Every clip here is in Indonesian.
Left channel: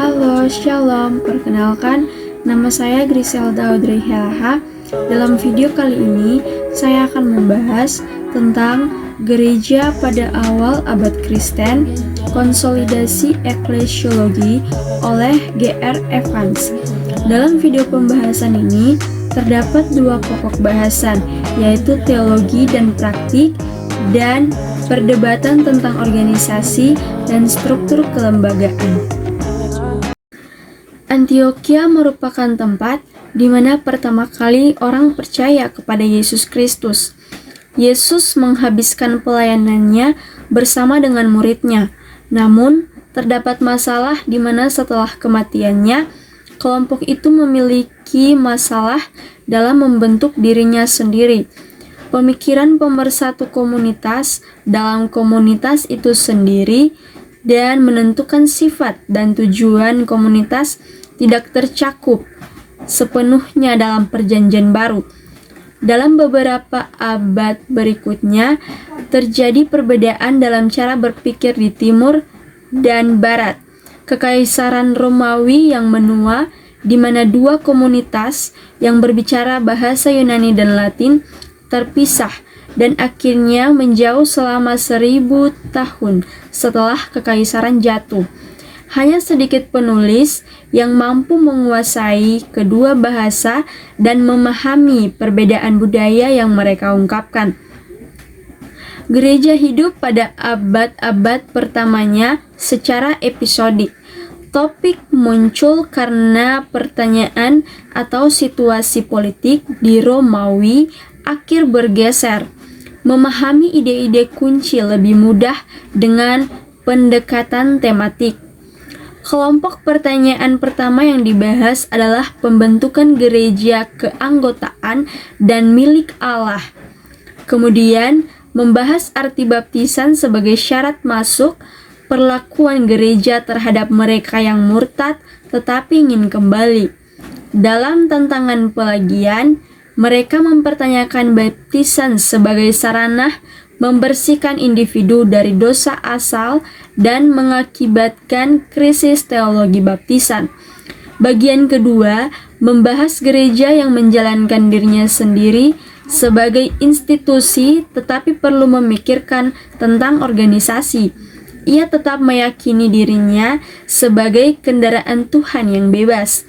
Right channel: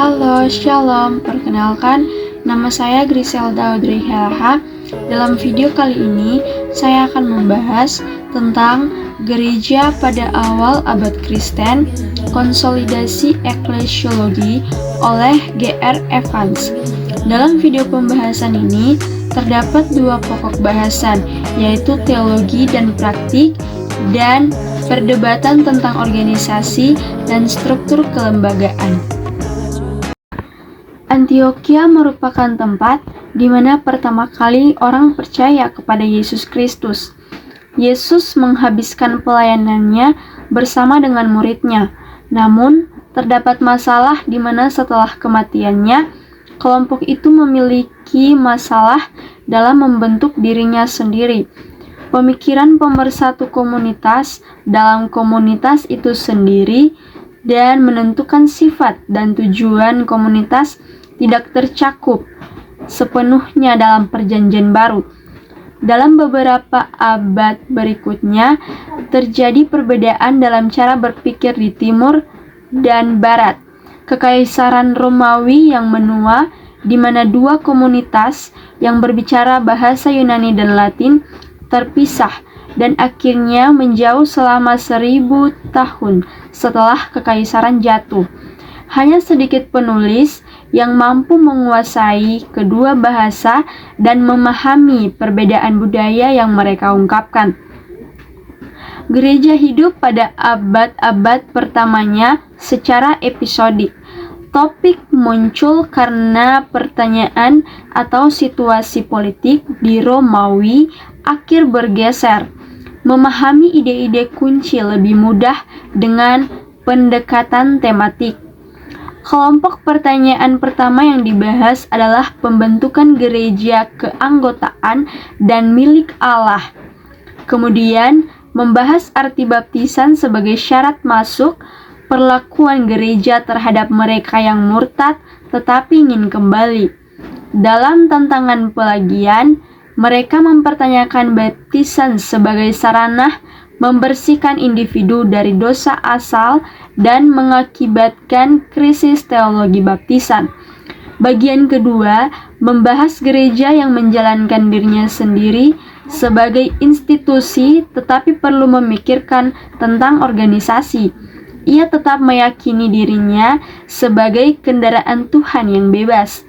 Halo, Shalom. Perkenalkan, nama saya Griselda Audrey Helaha. Dalam video kali ini, saya akan membahas tentang gereja pada awal abad Kristen, konsolidasi eklesiologi oleh G.R. Evans. Dalam video pembahasan ini, terdapat dua pokok bahasan, yaitu teologi dan praktik, dan perdebatan tentang organisasi dan struktur kelembagaan. Antioquia merupakan tempat di mana pertama kali orang percaya kepada Yesus Kristus. Yesus menghabiskan pelayanannya bersama dengan muridnya. Namun, terdapat masalah di mana setelah kematiannya, kelompok itu memiliki masalah dalam membentuk dirinya sendiri. Pemikiran pemersatu komunitas dalam komunitas itu sendiri dan menentukan sifat dan tujuan komunitas tidak tercakup sepenuhnya dalam Perjanjian Baru. Dalam beberapa abad berikutnya, terjadi perbedaan dalam cara berpikir di timur dan barat. Kekaisaran Romawi yang menua, di mana dua komunitas yang berbicara bahasa Yunani dan Latin terpisah dan akhirnya menjauh selama 1000 tahun setelah kekaisaran jatuh. Hanya sedikit penulis yang mampu menguasai kedua bahasa dan memahami perbedaan budaya yang mereka ungkapkan. Gereja hidup pada abad-abad pertamanya secara episodik. Topik muncul karena pertanyaan atau situasi politik di Romawi akhir bergeser. Memahami ide-ide kunci lebih mudah dengan pendekatan tematik. Kelompok pertanyaan pertama yang dibahas adalah pembentukan gereja keanggotaan dan milik Allah. Kemudian, membahas arti baptisan sebagai syarat masuk, perlakuan gereja terhadap mereka yang murtad tetapi ingin kembali. Dalam tantangan pelagian, mereka mempertanyakan baptisan sebagai sarana membersihkan individu dari dosa asal dan mengakibatkan krisis teologi baptisan. Bagian kedua membahas gereja yang menjalankan dirinya sendiri sebagai institusi tetapi perlu memikirkan tentang organisasi. Ia tetap meyakini dirinya sebagai kendaraan Tuhan yang bebas.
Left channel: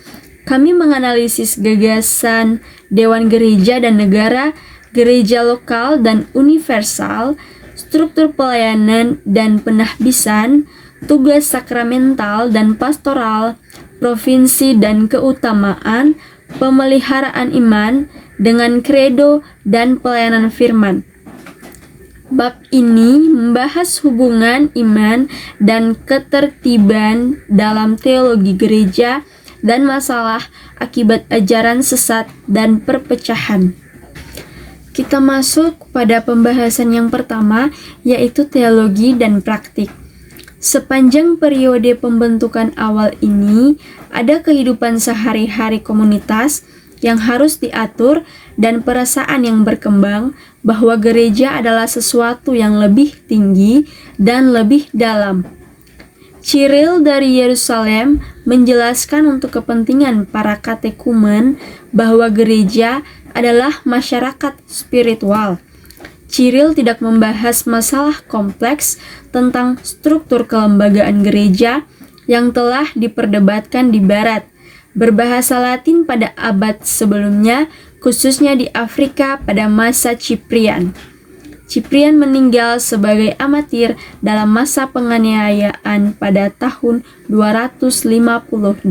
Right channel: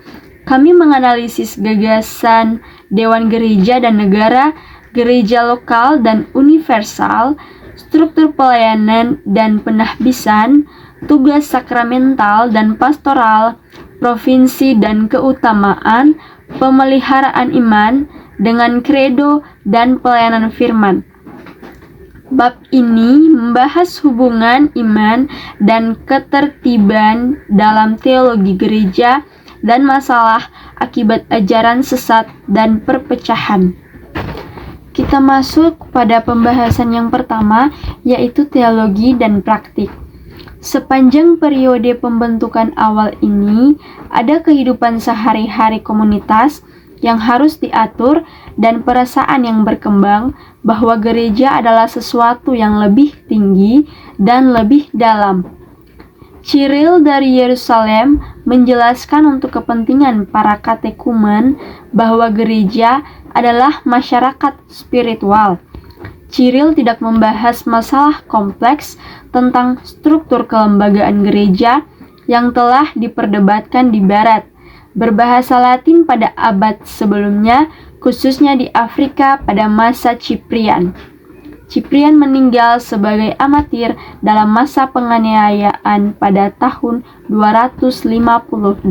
Kami menganalisis gagasan Dewan Gereja dan Negara, gereja lokal dan universal, struktur pelayanan dan penahbisan, tugas sakramental dan pastoral, provinsi dan keutamaan, pemeliharaan iman dengan kredo dan pelayanan firman. Bab ini membahas hubungan iman dan ketertiban dalam teologi gereja dan masalah akibat ajaran sesat dan perpecahan. Kita masuk pada pembahasan yang pertama, yaitu teologi dan praktik. Sepanjang periode pembentukan awal ini, ada kehidupan sehari-hari komunitas yang harus diatur dan perasaan yang berkembang bahwa gereja adalah sesuatu yang lebih tinggi dan lebih dalam. Cyril dari Yerusalem menjelaskan untuk kepentingan para katekumen bahwa gereja adalah masyarakat spiritual. Cyril tidak membahas masalah kompleks tentang struktur kelembagaan gereja yang telah diperdebatkan di barat, berbahasa Latin pada abad sebelumnya, khususnya di Afrika pada masa Ciprian. Ciprian meninggal sebagai amatir dalam masa penganiayaan pada tahun 258.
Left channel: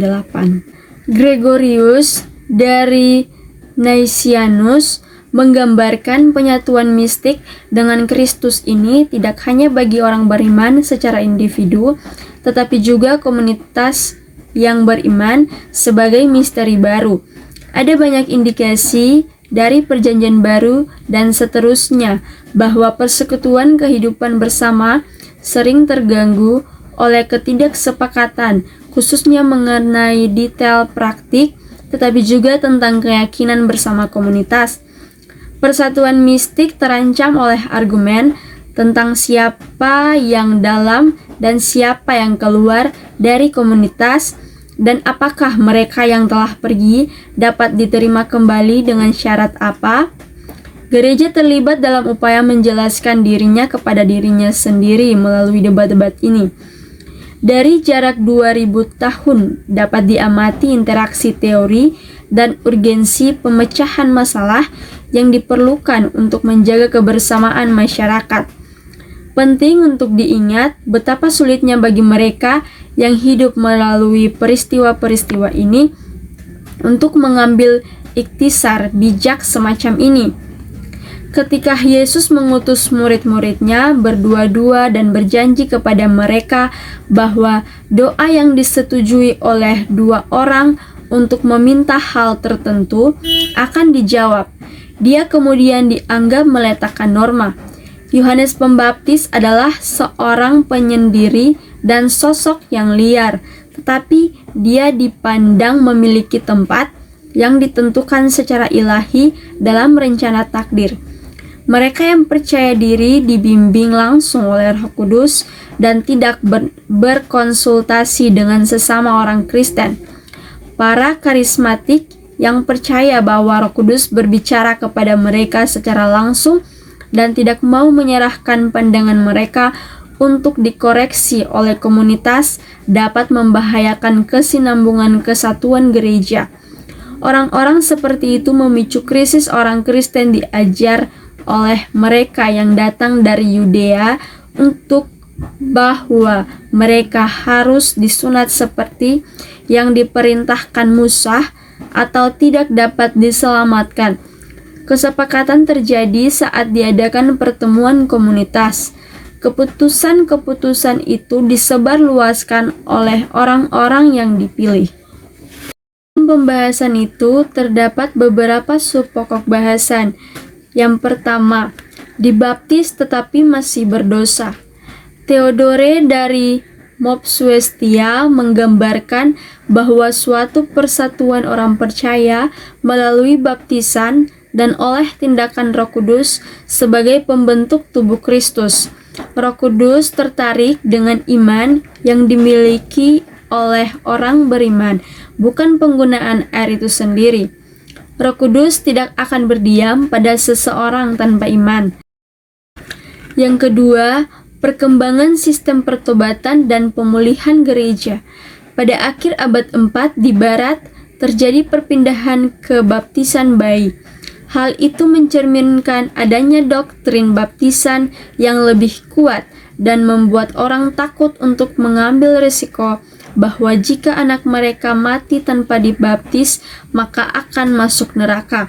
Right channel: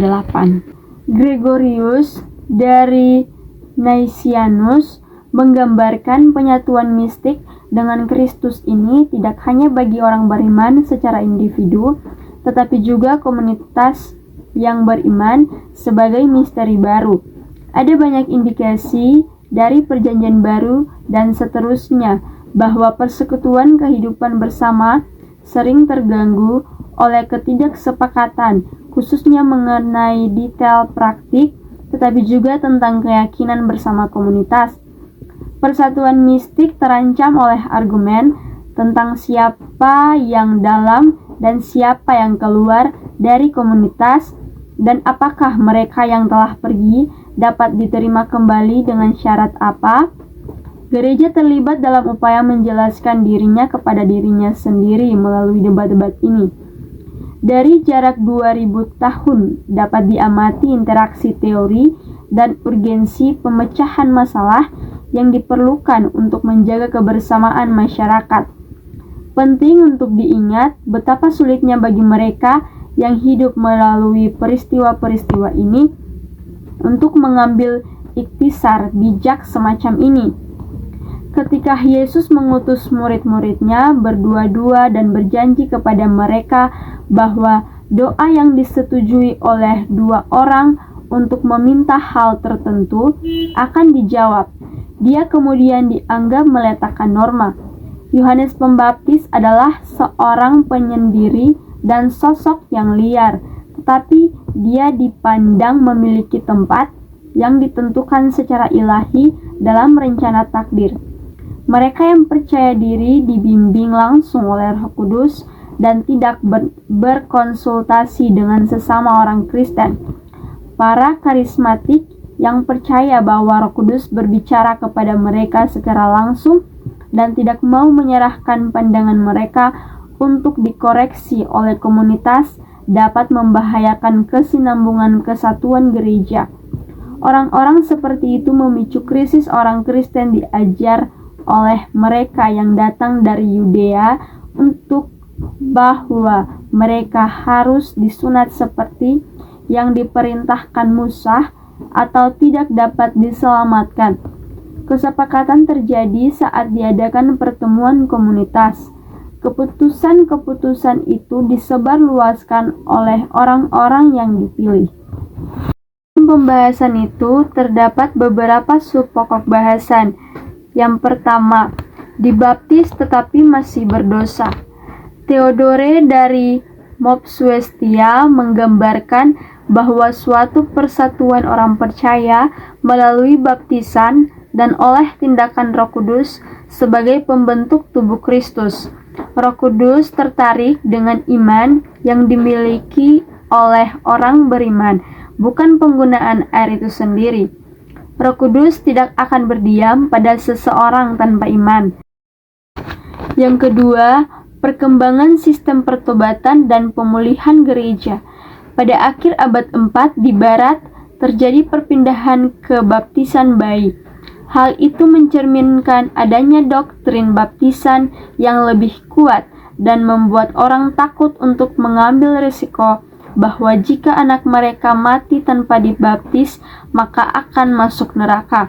Gregorius dari Naisianus menggambarkan penyatuan mistik dengan Kristus ini tidak hanya bagi orang beriman secara individu, tetapi juga komunitas yang beriman sebagai misteri baru. Ada banyak indikasi dari Perjanjian Baru dan seterusnya bahwa persekutuan kehidupan bersama sering terganggu oleh ketidaksepakatan, khususnya mengenai detail praktik, tetapi juga tentang keyakinan bersama komunitas. Persatuan mistik terancam oleh argumen tentang siapa yang dalam dan siapa yang keluar dari komunitas, dan apakah mereka yang telah pergi dapat diterima kembali dengan syarat apa? Gereja terlibat dalam upaya menjelaskan dirinya kepada dirinya sendiri melalui debat-debat ini. Dari jarak 2000 tahun dapat diamati interaksi teori dan urgensi pemecahan masalah yang diperlukan untuk menjaga kebersamaan masyarakat. Penting untuk diingat betapa sulitnya bagi mereka yang hidup melalui peristiwa-peristiwa ini untuk mengambil ikhtisar bijak semacam ini. Ketika Yesus mengutus murid-muridnya berdua-dua dan berjanji kepada mereka bahwa doa yang disetujui oleh dua orang untuk meminta hal tertentu akan dijawab, dia kemudian dianggap meletakkan norma. Yohanes Pembaptis adalah seorang penyendiri dan sosok yang liar, tetapi dia dipandang memiliki tempat yang ditentukan secara ilahi dalam rencana takdir. Mereka yang percaya diri dibimbing langsung oleh Roh Kudus dan tidak berkonsultasi dengan sesama orang Kristen. Para karismatik yang percaya bahwa Roh Kudus berbicara kepada mereka secara langsung dan tidak mau menyerahkan pandangan mereka untuk dikoreksi oleh komunitas dapat membahayakan kesinambungan kesatuan gereja. Orang-orang seperti itu memicu krisis orang Kristen diajar oleh mereka yang datang dari Yudea untuk bahwa mereka harus disunat seperti yang diperintahkan Musa atau tidak dapat diselamatkan. Kesepakatan terjadi saat diadakan pertemuan komunitas. Keputusan-keputusan itu disebarluaskan oleh orang-orang yang dipilih. Dalam pembahasan itu terdapat beberapa subpokok bahasan. Yang pertama, dibaptis tetapi masih berdosa. Theodore dari Mopsuestia menggambarkan bahwa suatu persatuan orang percaya melalui baptisan dan oleh tindakan Roh Kudus sebagai pembentuk tubuh Kristus. Roh Kudus tertarik dengan iman yang dimiliki oleh orang beriman, bukan penggunaan air itu sendiri. Roh Kudus tidak akan berdiam pada seseorang tanpa iman. Yang kedua, perkembangan sistem pertobatan dan pemulihan gereja. Pada akhir abad 4 di barat, terjadi perpindahan ke baptisan bayi. Hal itu mencerminkan adanya doktrin baptisan yang lebih kuat dan membuat orang takut untuk mengambil risiko bahwa jika anak mereka mati tanpa dibaptis, maka akan masuk neraka.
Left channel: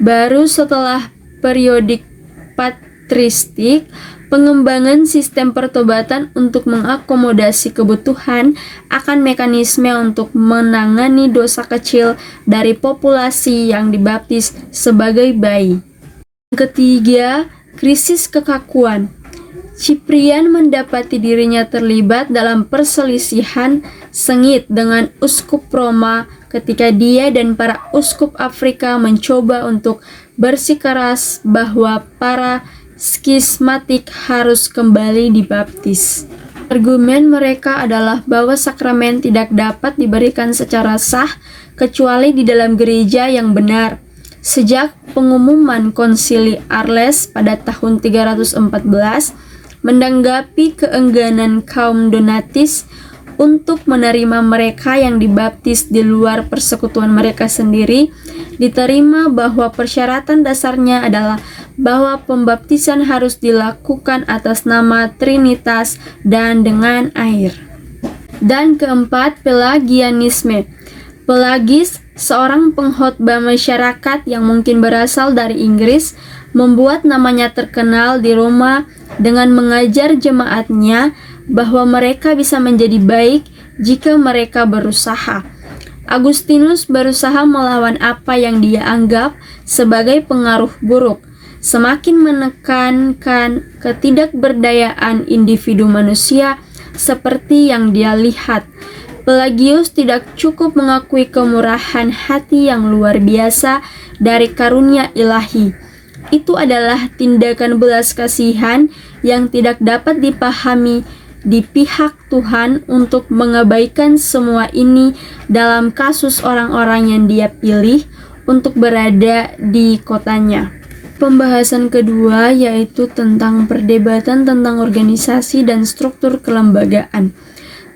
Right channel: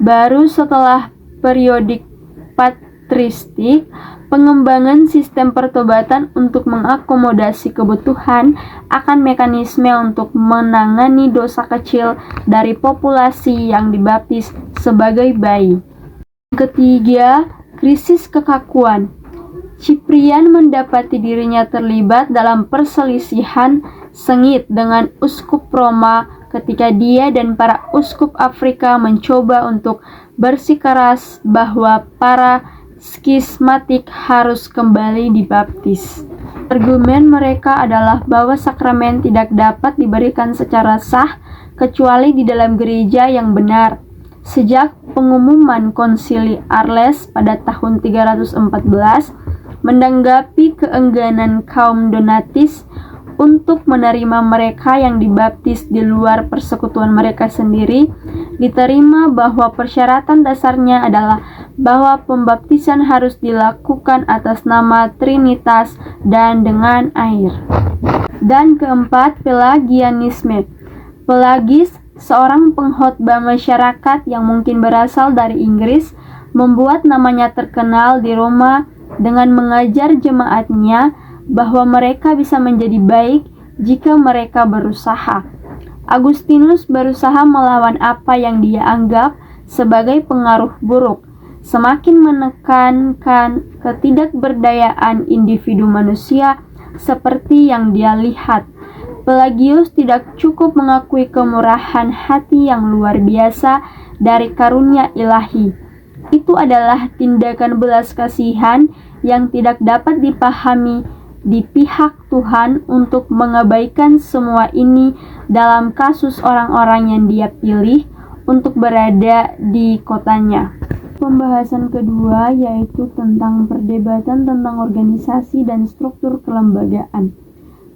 Baru setelah periodik patristik, pengembangan sistem pertobatan untuk mengakomodasi kebutuhan akan mekanisme untuk menangani dosa kecil dari populasi yang dibaptis sebagai bayi. Ketiga, krisis kekakuan. Cyprian mendapati dirinya terlibat dalam perselisihan sengit dengan uskup Roma ketika dia dan para uskup Afrika mencoba untuk bersikeras bahwa para skismatik harus kembali dibaptis. Argumen mereka adalah bahwa sakramen tidak dapat diberikan secara sah kecuali di dalam gereja yang benar. Sejak pengumuman Konsili Arles pada tahun 314, menanggapi keengganan kaum Donatis untuk menerima mereka yang dibaptis di luar persekutuan mereka sendiri, diterima bahwa persyaratan dasarnya adalah bahwa pembaptisan harus dilakukan atas nama Trinitas dan dengan air. Dan keempat, Pelagianisme. Pelagis, seorang pengkhotbah masyarakat yang mungkin berasal dari Inggris, membuat namanya terkenal di Roma dengan mengajar jemaatnya bahwa mereka bisa menjadi baik jika mereka berusaha. Agustinus berusaha melawan apa yang dia anggap sebagai pengaruh buruk, semakin menekankan ketidakberdayaan individu manusia seperti yang dia lihat. Pelagius tidak cukup mengakui kemurahan hati yang luar biasa dari karunia ilahi. Itu adalah tindakan belas kasihan yang tidak dapat dipahami di pihak Tuhan untuk mengabaikan semua ini dalam kasus orang-orang yang Dia pilih untuk berada di kotanya. Pembahasan kedua yaitu tentang perdebatan tentang organisasi dan struktur kelembagaan.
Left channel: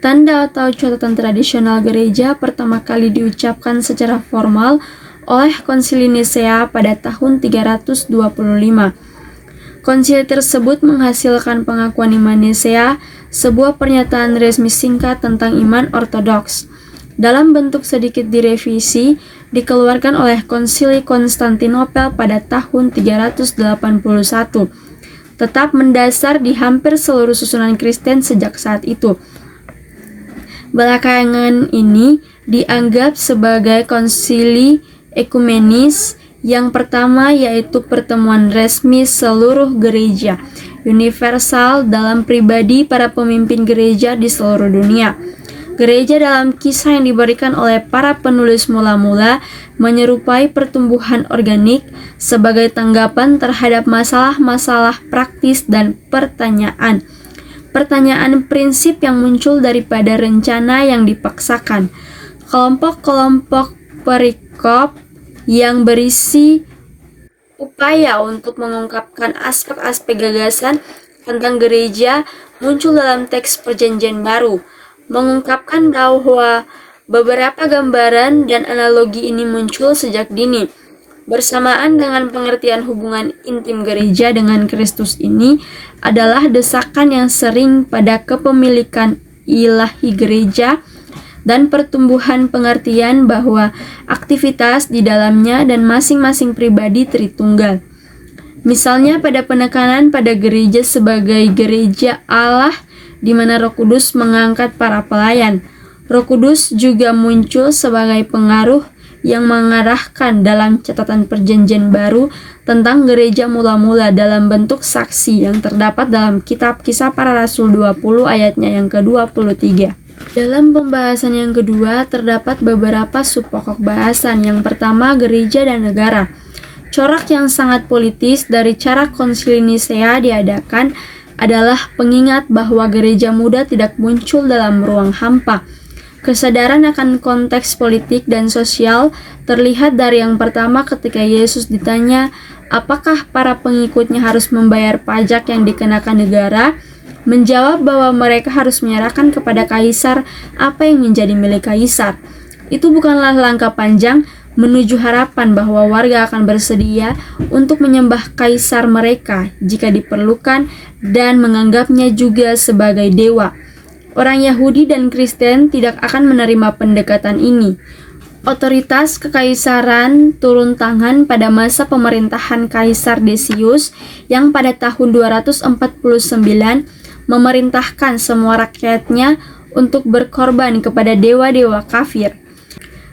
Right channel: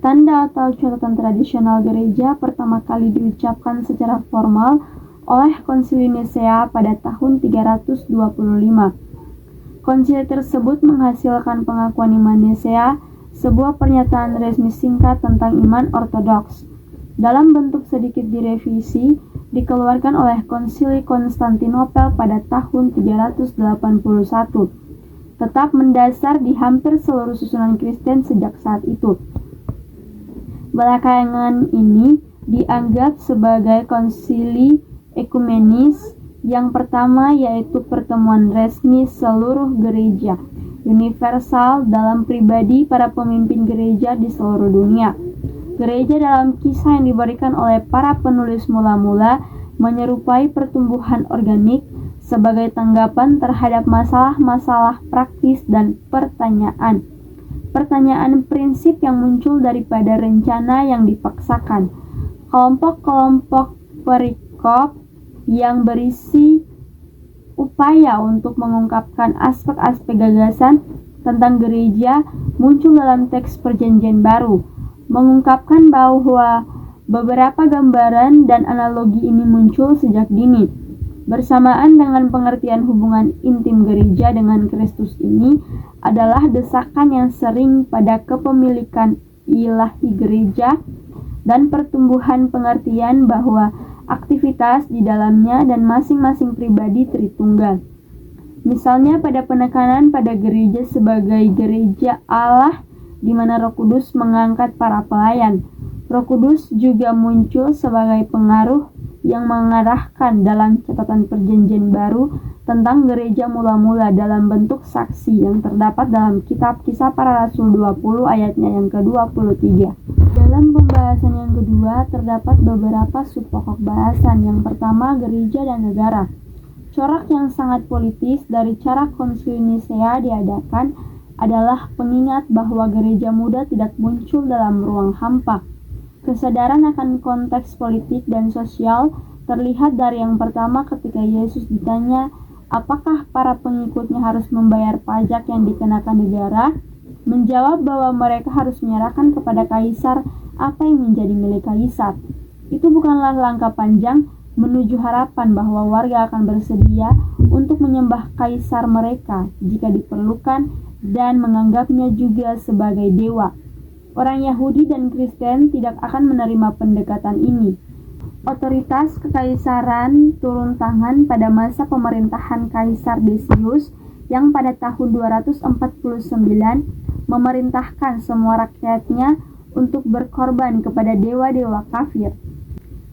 Tanda atau catatan tradisional gereja pertama kali diucapkan secara formal oleh Konsili Nisea pada tahun 325. Konsili tersebut menghasilkan pengakuan iman Nisea, sebuah pernyataan resmi singkat tentang iman ortodoks. Dalam bentuk sedikit direvisi, dikeluarkan oleh Konsili Konstantinopel pada tahun 381, tetap mendasar di hampir seluruh susunan Kristen sejak saat itu. Belakangan ini dianggap sebagai konsili ekumenis yang pertama, yaitu pertemuan resmi seluruh gereja universal dalam pribadi para pemimpin gereja di seluruh dunia. Gereja dalam kisah yang diberikan oleh para penulis mula-mula menyerupai pertumbuhan organik sebagai tanggapan terhadap masalah-masalah praktis dan pertanyaan prinsip yang muncul daripada rencana yang dipaksakan. Kelompok-kelompok perikop yang berisi upaya untuk mengungkapkan aspek-aspek gagasan tentang gereja muncul dalam teks Perjanjian Baru, mengungkapkan bahwa beberapa gambaran dan analogi ini muncul sejak dini. Bersamaan dengan pengertian hubungan intim gereja dengan Kristus ini adalah desakan yang sering pada kepemilikan ilahi gereja dan pertumbuhan pengertian bahwa aktivitas di dalamnya dan masing-masing pribadi Tritunggal. Misalnya pada penekanan pada gereja sebagai gereja Allah di mana Roh Kudus mengangkat para pelayan. Roh Kudus juga muncul sebagai pengaruh yang mengarahkan dalam catatan Perjanjian Baru tentang gereja mula-mula dalam bentuk saksi yang terdapat dalam kitab Kisah Para Rasul 20 ayatnya yang ke-23. Dalam pembahasan yang kedua terdapat beberapa subpokok bahasan. Yang pertama, gereja dan negara. Corak yang sangat politis dari cara Konsili Nisea diadakan adalah pengingat bahwa gereja muda tidak muncul dalam ruang hampa. Kesadaran akan konteks politik dan sosial terlihat dari yang pertama ketika Yesus ditanya apakah para pengikutnya harus membayar pajak yang dikenakan negara, menjawab bahwa mereka harus menyerahkan kepada kaisar apa yang menjadi milik kaisar. Itu bukanlah langkah panjang menuju harapan bahwa warga akan bersedia untuk menyembah kaisar mereka jika diperlukan dan menganggapnya juga sebagai dewa. Orang Yahudi dan Kristen tidak akan menerima pendekatan ini. Otoritas kekaisaran turun tangan pada masa pemerintahan Kaisar Decius yang pada tahun 249 memerintahkan semua rakyatnya untuk berkorban kepada dewa-dewa kafir.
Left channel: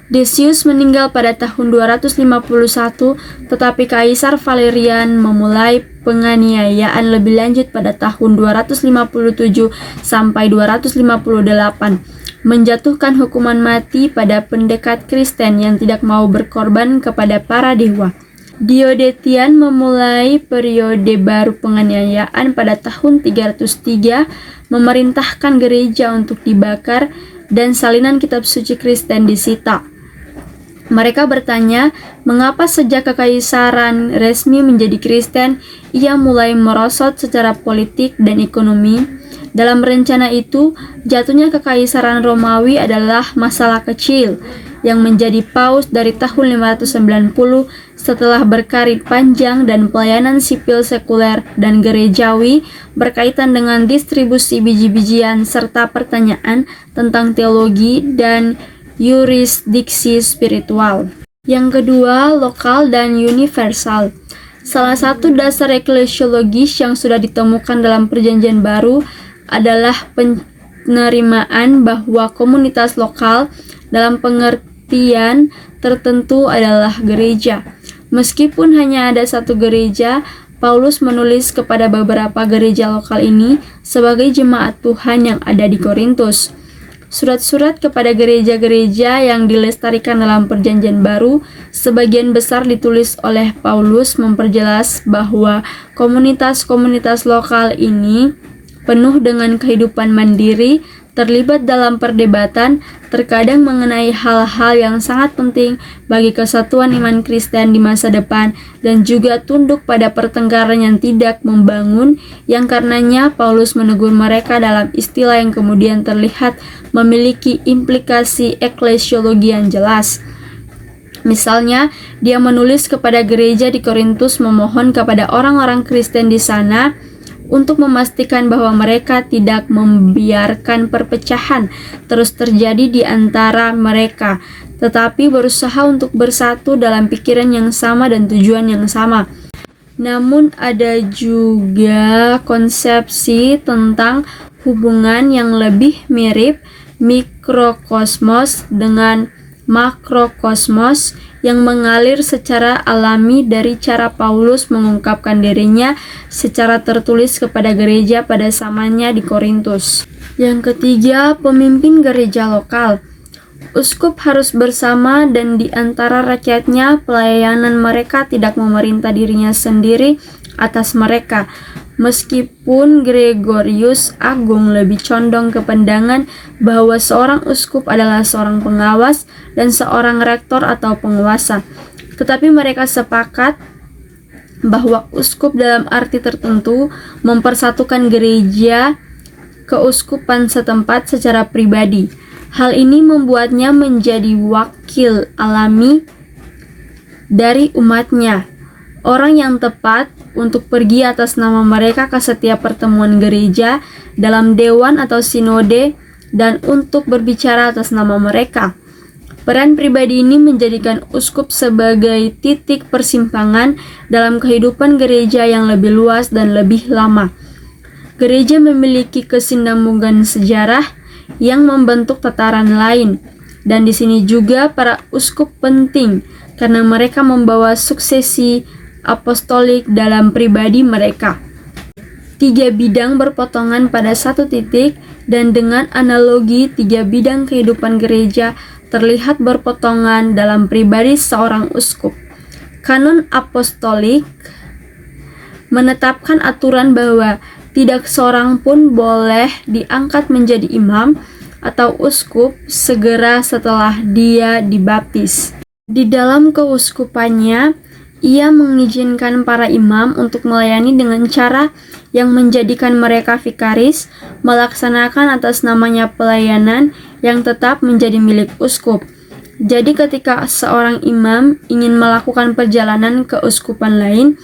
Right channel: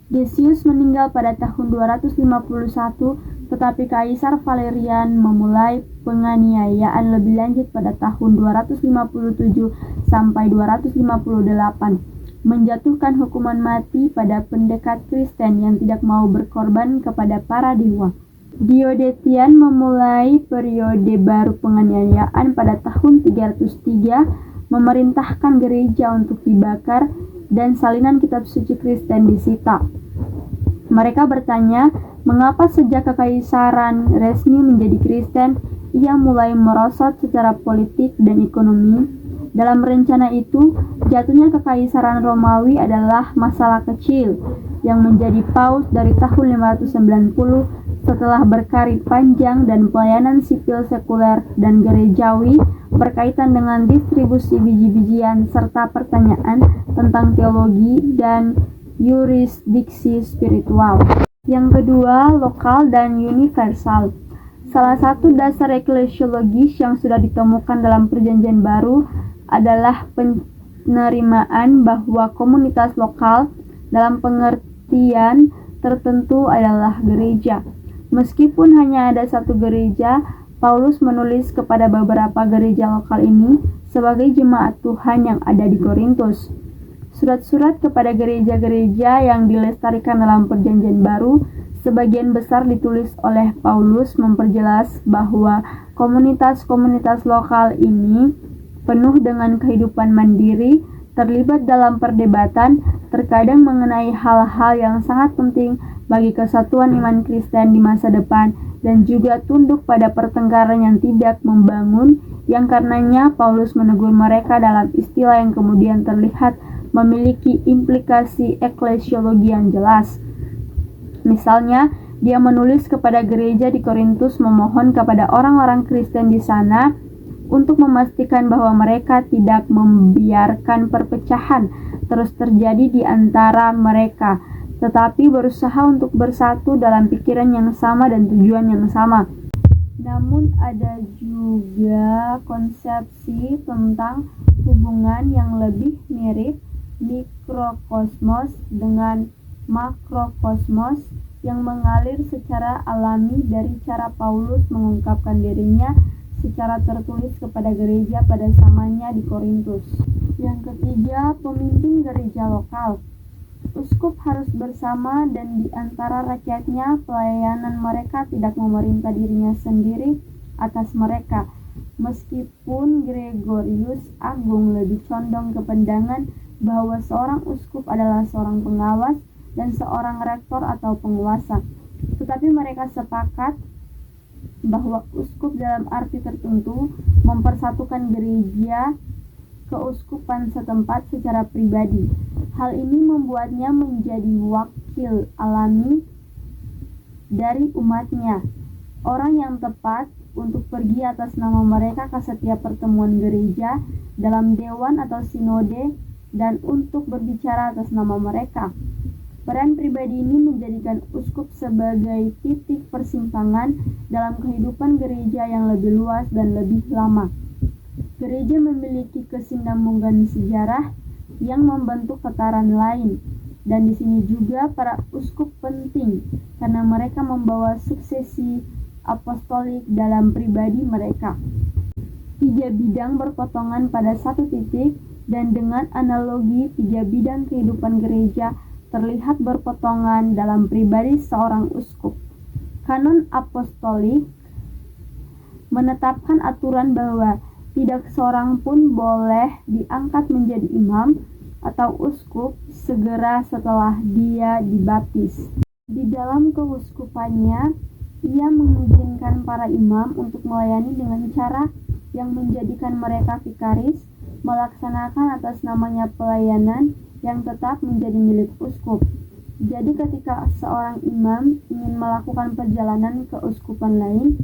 Decius meninggal pada tahun 251, tetapi Kaisar Valerian memulai penganiayaan lebih lanjut pada tahun 257 sampai 258, menjatuhkan hukuman mati pada pendekat Kristen yang tidak mau berkorban kepada para dewa. Diocletian memulai periode baru penganiayaan pada tahun 303, memerintahkan gereja untuk dibakar dan salinan kitab suci Kristen disita. Mereka bertanya, mengapa sejak kekaisaran resmi menjadi Kristen, ia mulai merosot secara politik dan ekonomi. Dalam rencana itu, jatuhnya kekaisaran Romawi adalah masalah kecil yang menjadi paus dari tahun 590 setelah berkarir panjang dan pelayanan sipil sekuler dan gerejawi berkaitan dengan distribusi biji-bijian serta pertanyaan tentang teologi dan yurisdiksi spiritual. Yang kedua, lokal dan universal. Salah satu dasar eklesiologis yang sudah ditemukan dalam Perjanjian Baru adalah penerimaan bahwa komunitas lokal dalam pengertian tertentu adalah gereja. Meskipun hanya ada satu gereja, Paulus menulis kepada beberapa gereja lokal ini sebagai jemaat Tuhan yang ada di Korintus. Surat-surat kepada gereja-gereja yang dilestarikan dalam Perjanjian Baru sebagian besar ditulis oleh Paulus memperjelas bahwa komunitas-komunitas lokal ini penuh dengan kehidupan mandiri, terlibat dalam perdebatan, terkadang mengenai hal-hal yang sangat penting bagi kesatuan iman Kristen di masa depan, dan juga tunduk pada pertengkaran yang tidak membangun, yang karenanya Paulus menegur mereka dalam istilah yang kemudian terlihat memiliki implikasi eklesiologi yang jelas. Misalnya, dia menulis kepada gereja di Korintus memohon kepada orang-orang Kristen di sana untuk memastikan bahwa mereka tidak membiarkan perpecahan terus terjadi di antara mereka, tetapi berusaha untuk bersatu dalam pikiran yang sama dan tujuan yang sama. Namun ada juga konsepsi tentang hubungan yang lebih mirip mikrokosmos dengan makrokosmos yang mengalir secara alami dari cara Paulus mengungkapkan dirinya secara tertulis kepada gereja pada zamannya di Korintus. Yang ketiga, pemimpin gereja lokal. Uskup harus bersama dan di antara rakyatnya, pelayanan mereka tidak memerintah dirinya sendiri atas mereka. Meskipun Gregorius Agung lebih condong ke pandangan bahwa seorang uskup adalah seorang pengawas dan seorang rektor atau penguasa, tetapi mereka sepakat bahwa uskup dalam arti tertentu mempersatukan gereja keuskupan setempat secara pribadi. Hal ini membuatnya menjadi wakil alami dari umatnya, orang yang tepat untuk pergi atas nama mereka ke setiap pertemuan gereja dalam dewan atau sinode dan untuk berbicara atas nama mereka. Peran pribadi ini menjadikan uskup sebagai titik persimpangan dalam kehidupan gereja yang lebih luas dan lebih lama. Gereja memiliki kesinambungan sejarah yang membentuk tataran lain, dan di sini juga para uskup penting karena mereka membawa suksesi apostolik dalam pribadi mereka. 3 bidang berpotongan pada satu titik, dan dengan analogi 3 bidang kehidupan gereja terlihat berpotongan dalam pribadi seorang uskup. Kanon apostolik menetapkan aturan bahwa tidak seorang pun boleh diangkat menjadi imam atau uskup segera setelah dia dibaptis. Di dalam keuskupannya, ia mengizinkan para imam untuk melayani dengan cara yang menjadikan mereka vikaris, melaksanakan atas namanya pelayanan yang tetap menjadi milik uskup. Jadi ketika seorang imam ingin melakukan perjalanan ke uskupan lain,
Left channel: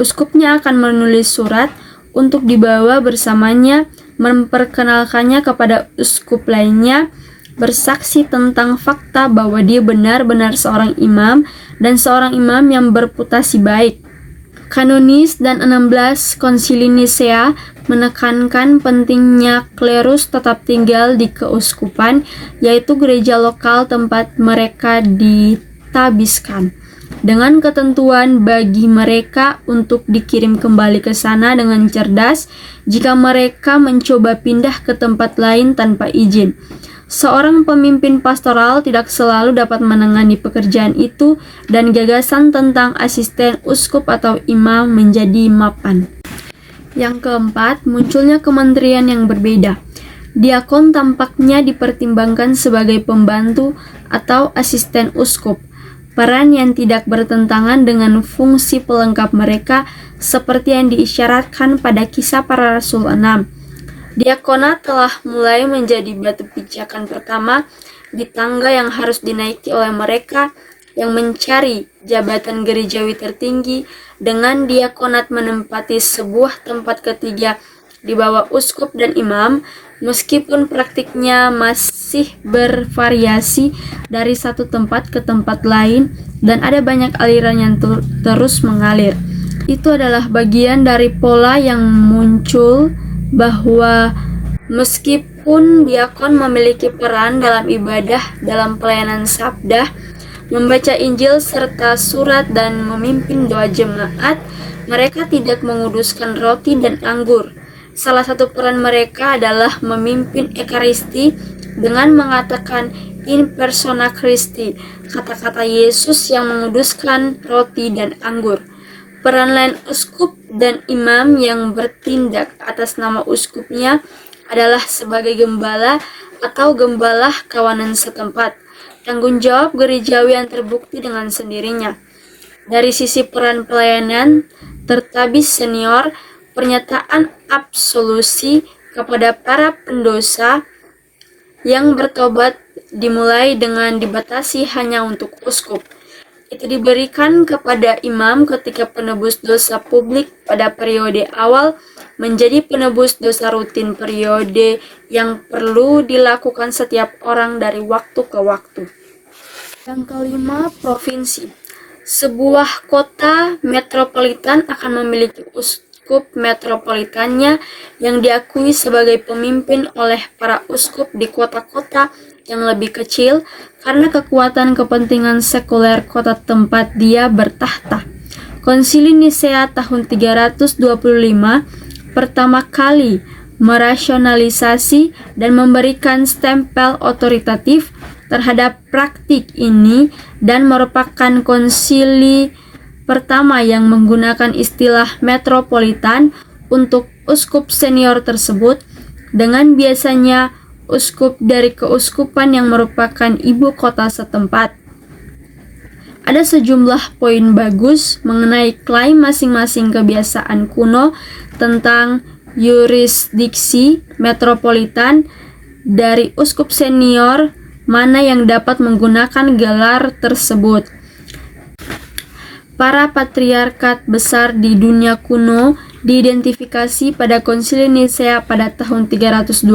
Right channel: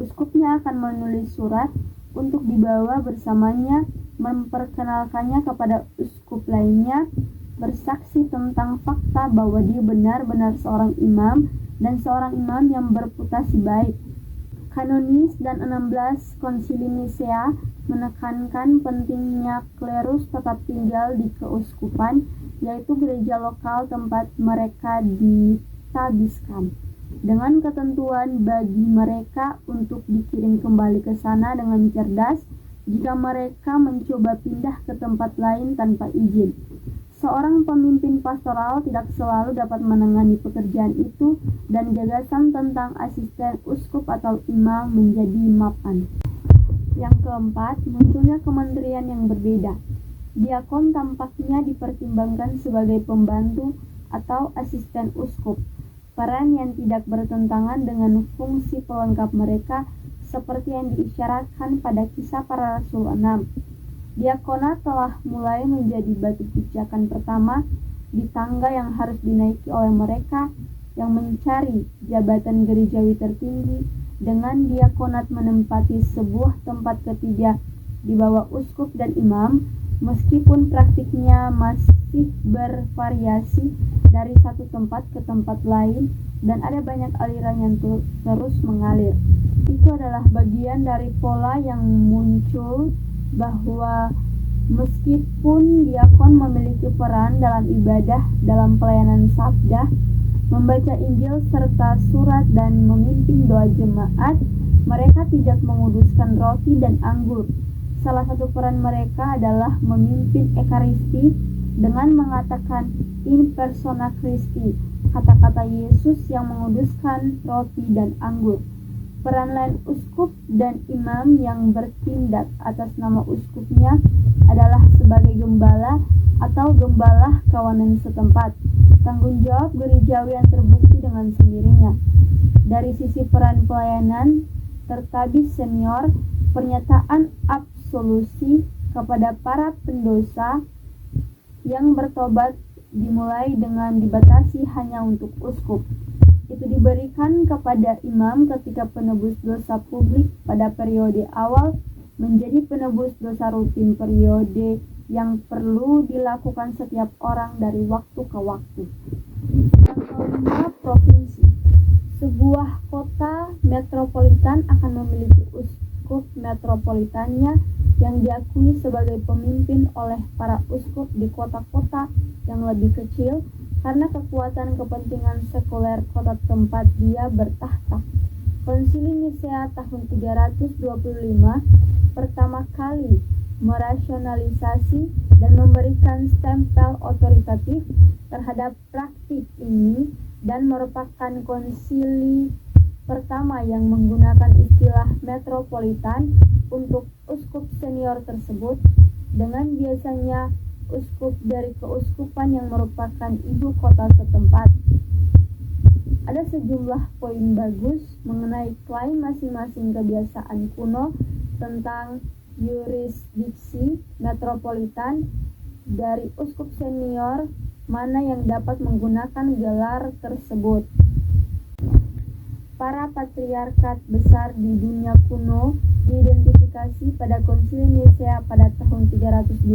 uskupnya akan menulis surat untuk dibawa bersamanya, memperkenalkannya kepada uskup lainnya, bersaksi tentang fakta bahwa dia benar-benar seorang imam dan seorang imam yang berputasi baik. Kanonis dan 16 Konsili Nisea menekankan pentingnya klerus tetap tinggal di keuskupan, yaitu gereja lokal tempat mereka ditabiskan, dengan ketentuan bagi mereka untuk dikirim kembali ke sana dengan cerdas jika mereka mencoba pindah ke tempat lain tanpa izin. Seorang pemimpin pastoral tidak selalu dapat menangani pekerjaan itu, dan gagasan tentang asisten uskup atau imam menjadi mapan. Yang keempat, munculnya kementerian yang berbeda. Diakon tampaknya dipertimbangkan sebagai pembantu atau asisten uskup, peran yang tidak bertentangan dengan fungsi pelengkap mereka seperti yang diisyaratkan pada Kisah Para Rasul 6. Diakonat telah mulai menjadi batu pijakan pertama di tangga yang harus dinaiki oleh mereka yang mencari jabatan gerejawi tertinggi, dengan diakonat menempati sebuah tempat ketiga di bawah uskup dan imam, meskipun praktiknya masih bervariasi dari satu tempat ke tempat lain dan ada banyak aliran yang terus mengalir. Itu adalah bagian dari pola yang muncul bahwa meskipun diakon memiliki peran dalam ibadah, dalam pelayanan sabda, membaca Injil serta surat dan memimpin doa jemaat, mereka tidak menguduskan roti dan anggur. Salah satu peran mereka adalah memimpin Ekaristi dengan mengatakan in persona Christi, kata-kata Yesus yang menguduskan roti dan anggur. Peran lain uskup dan imam yang bertindak atas nama uskupnya adalah sebagai gembala atau gembala kawanan setempat. Tanggung jawab gerejawi yang terbukti dengan sendirinya. Dari sisi peran pelayanan, tertabis senior, pernyataan absolusi kepada para pendosa yang bertobat dimulai dengan dibatasi hanya untuk uskup. Itu diberikan kepada imam ketika penebus dosa publik pada periode awal menjadi penebus dosa rutin periode yang perlu dilakukan setiap orang dari waktu ke waktu. Yang kelima, provinsi. Sebuah kota metropolitan akan memiliki uskup metropolitannya yang diakui sebagai pemimpin oleh para uskup di kota-kota yang lebih kecil karena kekuatan kepentingan sekuler kota tempat dia bertahta. Konsili Nisea tahun 325 pertama kali merasionalisasi dan memberikan stempel otoritatif terhadap praktik ini dan merupakan konsili pertama yang menggunakan istilah metropolitan untuk uskup senior tersebut, dengan biasanya uskup dari keuskupan yang merupakan ibu kota setempat. Ada sejumlah poin bagus mengenai klaim masing-masing kebiasaan kuno tentang yurisdiksi metropolitan dari uskup senior mana yang dapat menggunakan gelar tersebut. Para patriarkat besar di dunia kuno diidentifikasi pada Konsili Nisea pada tahun 325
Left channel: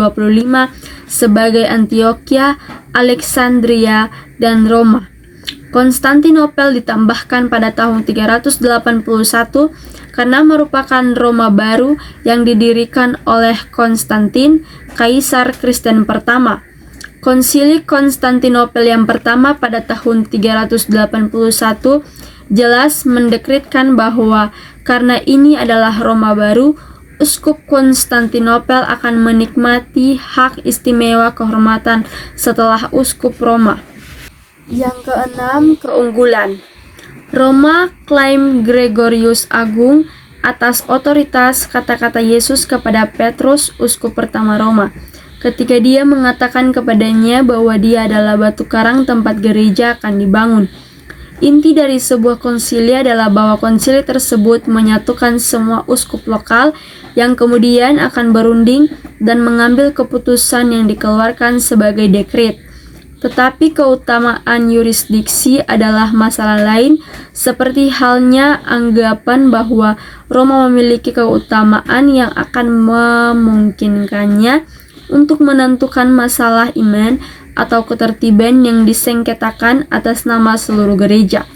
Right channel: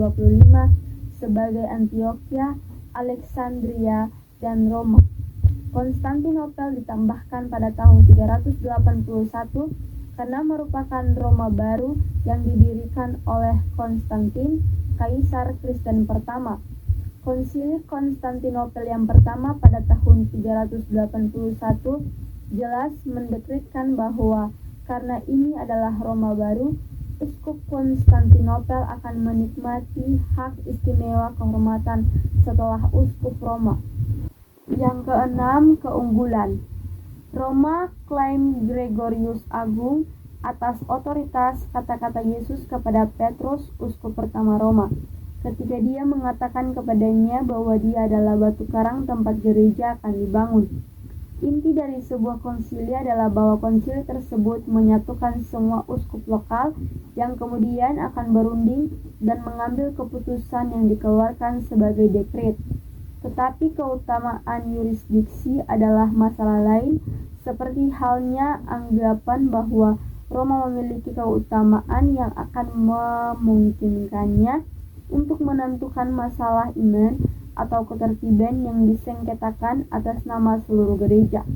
sebagai Antioquia, Alexandria, dan Roma. Konstantinopel ditambahkan pada tahun 381 karena merupakan Roma baru yang didirikan oleh Konstantin, Kaisar Kristen pertama. Konsili Konstantinopel yang pertama pada tahun 381 jelas mendekretkan bahwa karena ini adalah Roma baru, Uskup Konstantinopel akan menikmati hak istimewa kehormatan setelah Uskup Roma. Yang keenam, keunggulan. Roma klaim Gregorius Agung atas otoritas kata-kata Yesus kepada Petrus, uskup pertama Roma, ketika dia mengatakan kepadanya bahwa dia adalah batu karang tempat gereja akan dibangun. Inti dari sebuah konsili adalah bahwa konsili tersebut menyatukan semua uskup lokal yang kemudian akan berunding dan mengambil keputusan yang dikeluarkan sebagai dekret. Tetapi keutamaan yurisdiksi adalah masalah lain, seperti halnya anggapan bahwa Roma memiliki keutamaan yang akan memungkinkannya untuk menentukan masalah iman atau ketertiban yang disengketakan atas nama seluruh gereja.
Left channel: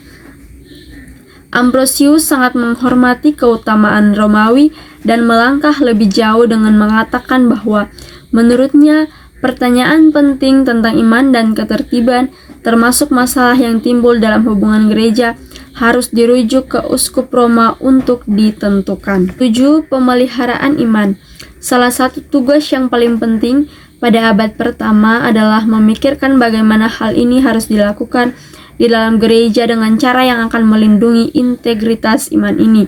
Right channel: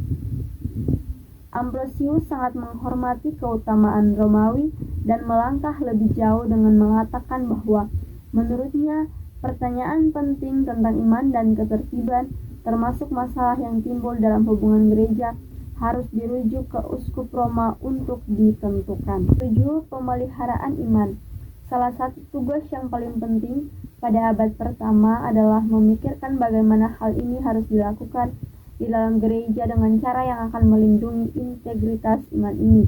Ambrosius sangat menghormati keutamaan Romawi dan melangkah lebih jauh dengan mengatakan bahwa menurutnya pertanyaan penting tentang iman dan ketertiban, termasuk masalah yang timbul dalam hubungan gereja, harus dirujuk ke uskup Roma untuk ditentukan. 7. Pemeliharaan iman. Salah satu tugas yang paling penting pada abad pertama adalah memikirkan bagaimana hal ini harus dilakukan di dalam gereja dengan cara yang akan melindungi integritas iman ini.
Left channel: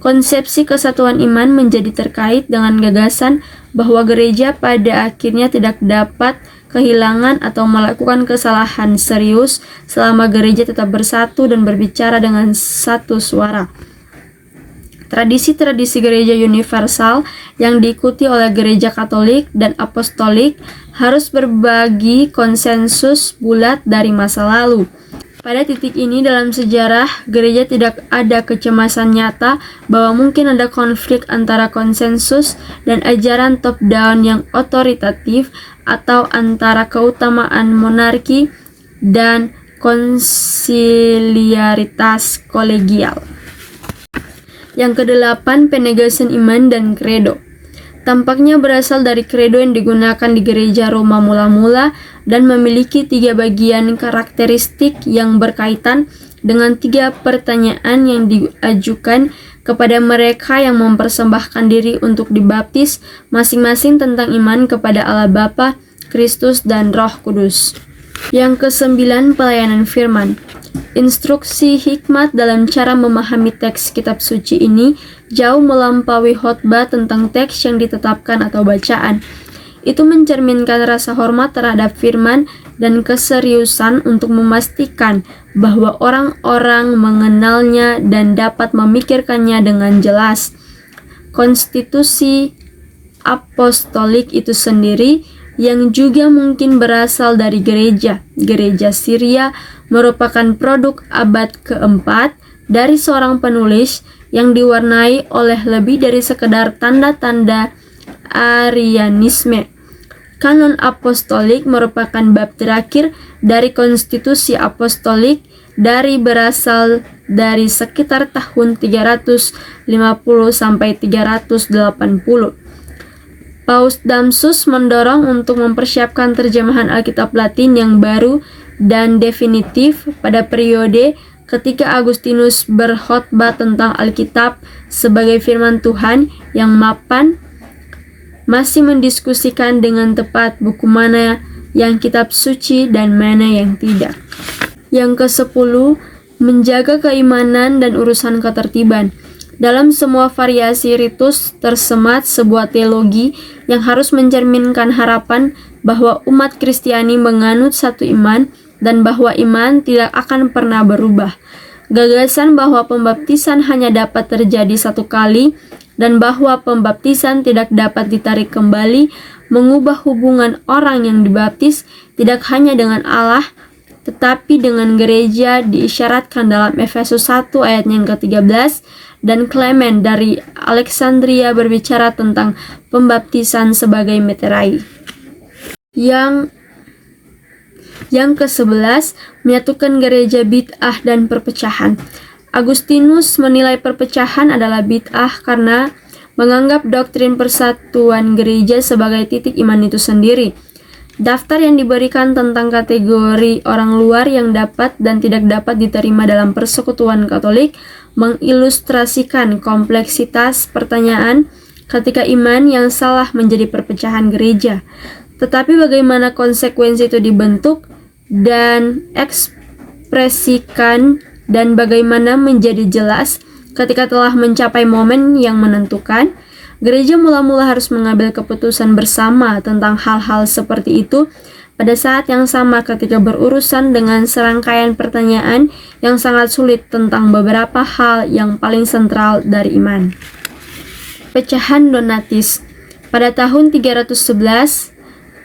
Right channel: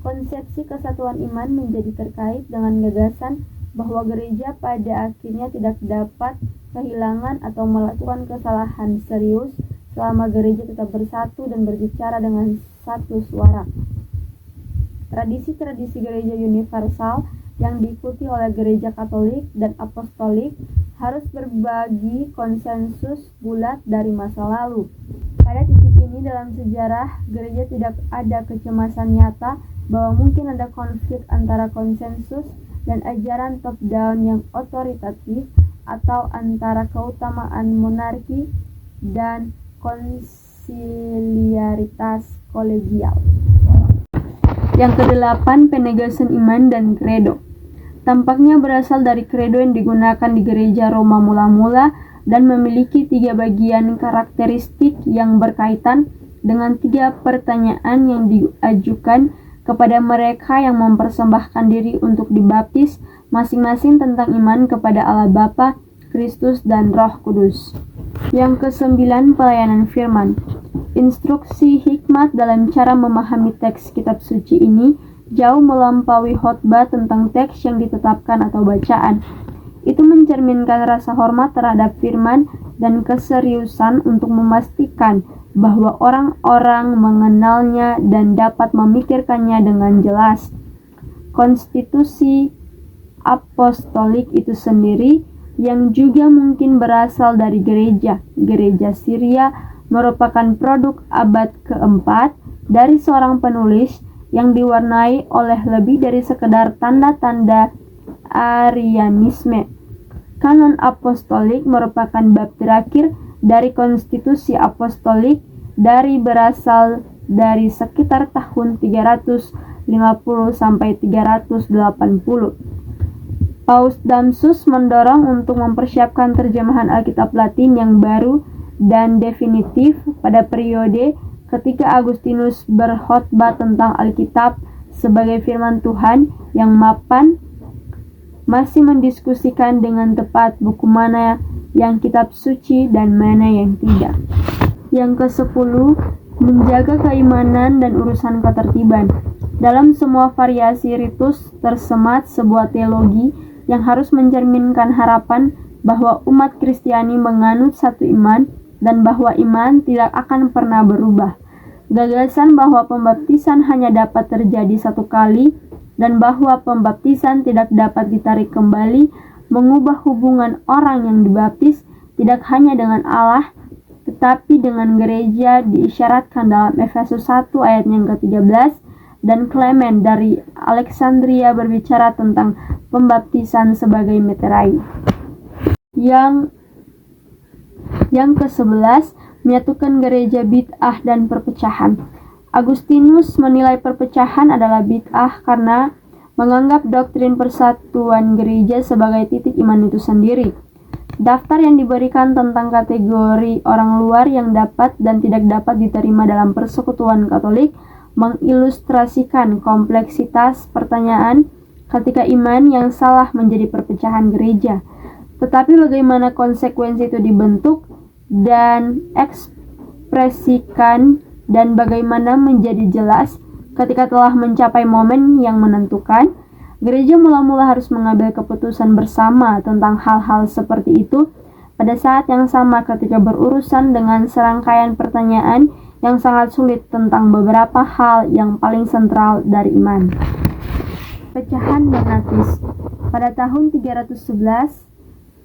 Konsepsi kesatuan iman menjadi terkait dengan gagasan bahwa gereja pada akhirnya tidak dapat kehilangan atau melakukan kesalahan serius selama gereja tetap bersatu dan berbicara dengan satu suara. Tradisi-tradisi gereja universal yang diikuti oleh gereja Katolik dan Apostolik harus berbagi konsensus bulat dari masa lalu. Pada titik ini dalam sejarah, gereja tidak ada kecemasan nyata bahwa mungkin ada konflik antara konsensus dan ajaran top-down yang otoritatif atau antara keutamaan monarki dan konsiliaritas kolegial. Yang kedelapan, penegasan iman dan kredo. Tampaknya berasal dari kredo yang digunakan di gereja Roma mula-mula dan memiliki 3 bagian karakteristik yang berkaitan dengan 3 pertanyaan yang diajukan kepada mereka yang mempersembahkan diri untuk dibaptis, masing-masing tentang iman kepada Allah Bapa, Kristus, dan Roh Kudus. Yang ke-9, pelayanan firman. Instruksi hikmat dalam cara memahami teks kitab suci ini jauh melampaui khotbah tentang teks yang ditetapkan atau bacaan. Itu mencerminkan rasa hormat terhadap firman dan keseriusan untuk memastikan bahwa orang-orang mengenalnya dan dapat memikirkannya dengan jelas. Konstitusi apostolik itu sendiri yang juga mungkin berasal dari gereja Syria merupakan produk abad keempat dari seorang penulis yang diwarnai oleh lebih dari sekedar tanda-tanda Arianisme. Kanon apostolik merupakan bab terakhir dari konstitusi apostolik berasal dari sekitar tahun 350 sampai 380. Paus Damsus mendorong untuk mempersiapkan terjemahan Alkitab Latin yang baru dan definitif pada periode ketika Agustinus berkhotbah tentang Alkitab sebagai firman Tuhan yang mapan, masih mendiskusikan dengan tepat buku mana yang kitab suci dan mana yang tidak. Yang ke-10, menjaga keimanan dan urusan ketertiban. Dalam semua variasi ritus tersemat sebuah teologi yang harus mencerminkan harapan bahwa umat Kristiani menganut satu iman dan bahwa iman tidak akan pernah berubah. Gagasan bahwa pembaptisan hanya dapat terjadi satu kali dan bahwa pembaptisan tidak dapat ditarik kembali mengubah hubungan orang yang dibaptis tidak hanya dengan Allah tetapi dengan gereja diisyaratkan dalam Efesus 1 ayat yang ke-13, dan Clement dari Alexandria berbicara tentang pembaptisan sebagai meterai. Yang ke-11, menyatukan gereja bid'ah dan perpecahan. Agustinus menilai perpecahan adalah bid'ah karena menganggap doktrin persatuan gereja sebagai titik iman itu sendiri. Daftar yang diberikan tentang kategori orang luar yang dapat dan tidak dapat diterima dalam persekutuan Katolik mengilustrasikan kompleksitas pertanyaan ketika iman yang salah menjadi perpecahan gereja. Tetapi bagaimana konsekuensi itu dibentuk dan ekspresikan dan bagaimana menjadi jelas ketika telah mencapai momen yang menentukan, gereja mula-mula harus mengambil keputusan bersama tentang hal-hal seperti itu pada saat yang sama ketika berurusan dengan serangkaian pertanyaan yang sangat sulit tentang beberapa hal yang paling sentral dari iman. Pecahan Donatis. Pada tahun 311,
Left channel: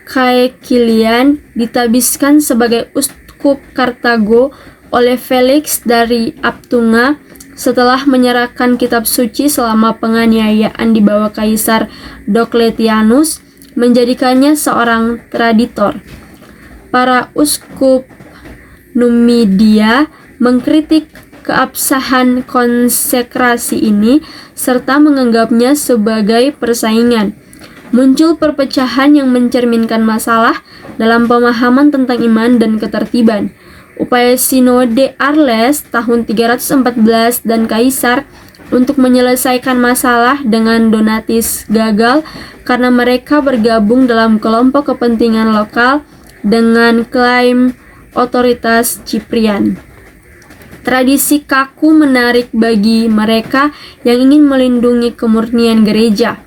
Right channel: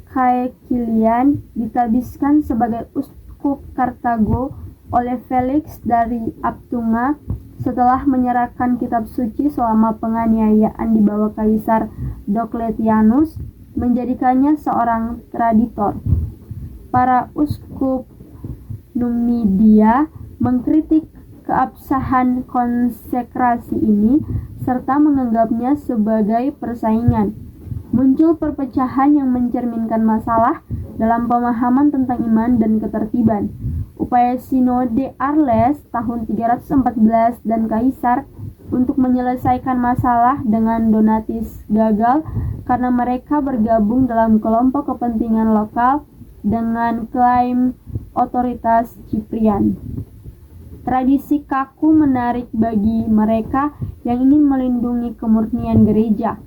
Caecilian ditabiskan sebagai uskup Kartago oleh Felix dari Aptunga setelah menyerahkan kitab suci selama penganiayaan di bawah Kaisar Diocletianus, menjadikannya seorang traditor. Para uskup Numidia mengkritik keabsahan konsekrasi ini serta menganggapnya sebagai persaingan. Muncul perpecahan yang mencerminkan masalah dalam pemahaman tentang iman dan ketertiban. Upaya Sinode Arles tahun 314 dan Kaisar untuk menyelesaikan masalah dengan Donatis gagal karena mereka bergabung dalam kelompok kepentingan lokal dengan klaim otoritas Ciprian. Tradisi kaku menarik bagi mereka yang ingin melindungi kemurnian gereja.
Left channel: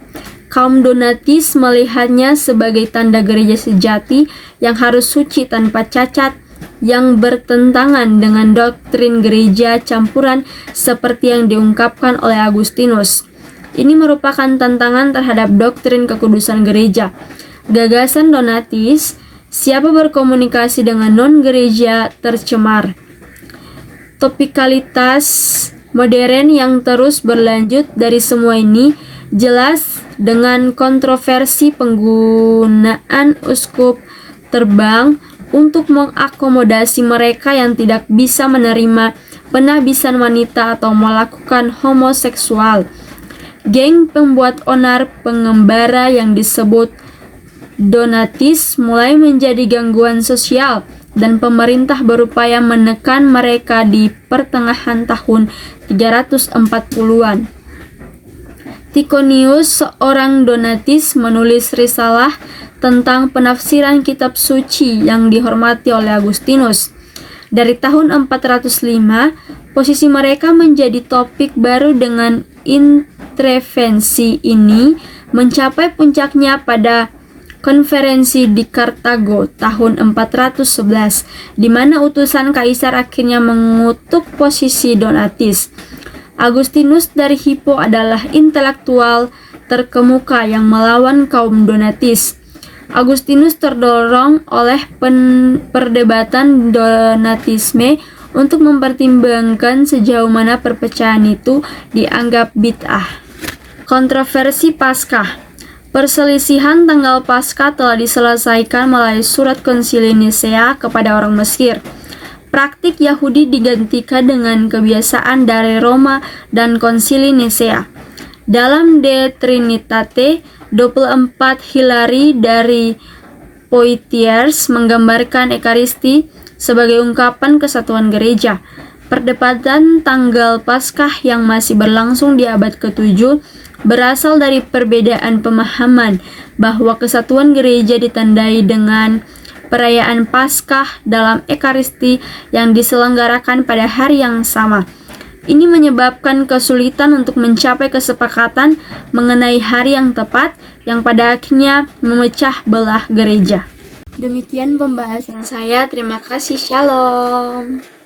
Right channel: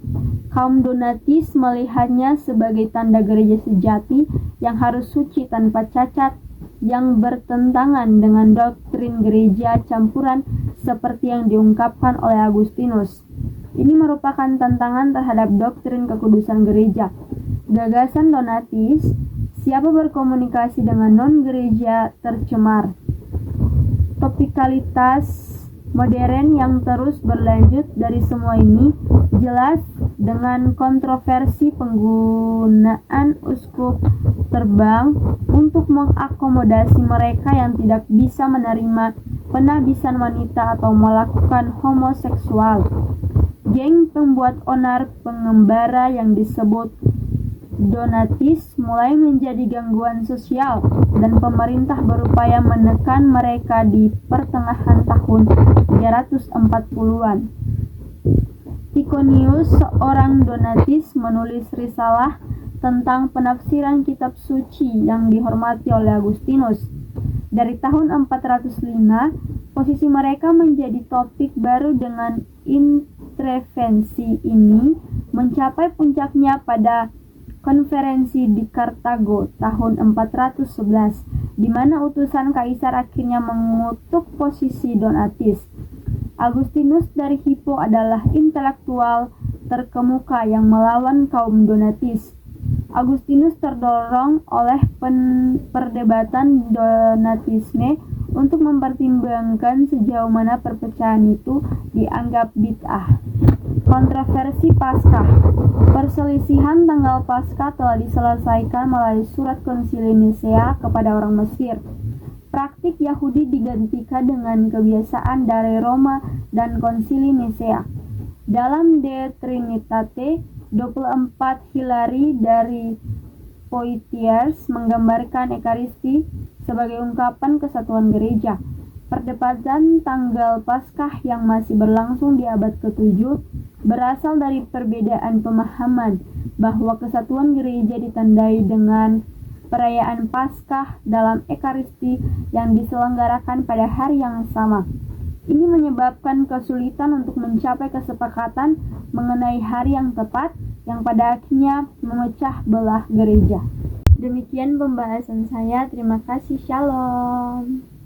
Kaum Donatis melihatnya sebagai tanda gereja sejati yang harus suci tanpa cacat, yang bertentangan dengan doktrin gereja campuran seperti yang diungkapkan oleh Agustinus. Ini merupakan tantangan terhadap doktrin kekudusan gereja. Gagasan Donatis, siapa berkomunikasi dengan non-gereja tercemar. Topikalitas modern yang terus berlanjut dari semua ini jelas dengan kontroversi penggunaan uskup terbang untuk mengakomodasi mereka yang tidak bisa menerima penabisan wanita atau melakukan homoseksual. Geng pembuat onar pengembara yang disebut Donatis mulai menjadi gangguan sosial dan pemerintah berupaya menekan mereka di pertengahan tahun 340-an. Ticonius, seorang Donatis, menulis risalah tentang penafsiran kitab suci yang dihormati oleh Agustinus. Dari tahun 405, posisi mereka menjadi topik baru dengan intervensi ini mencapai puncaknya pada konferensi di Kartago tahun 411, di mana utusan kaisar akhirnya mengutuk posisi Donatis. Agustinus dari Hippo adalah intelektual terkemuka yang melawan kaum Donatis. Agustinus terdorong oleh perdebatan Donatisme untuk mempertimbangkan sejauh mana perpecahan itu dianggap bid'ah. Kontroversi Paskah. Perselisihan tanggal Paskah telah diselesaikan melalui surat Konsili Nisea kepada orang Mesir. Praktik Yahudi digantikan dengan kebiasaan dari Roma dan Konsili Nisea. Dalam De Trinitate 24, Hilary dari Poitiers menggambarkan Ekaristi sebagai ungkapan kesatuan gereja. Perdebatan tanggal Paskah yang masih berlangsung di abad ke-7 berasal dari perbedaan pemahaman bahwa kesatuan gereja ditandai dengan perayaan Paskah dalam Ekaristi yang diselenggarakan pada hari yang sama. Ini menyebabkan kesulitan untuk mencapai kesepakatan mengenai hari yang tepat yang pada akhirnya memecah belah gereja. Demikian pembahasan saya. Terima kasih. Shalom.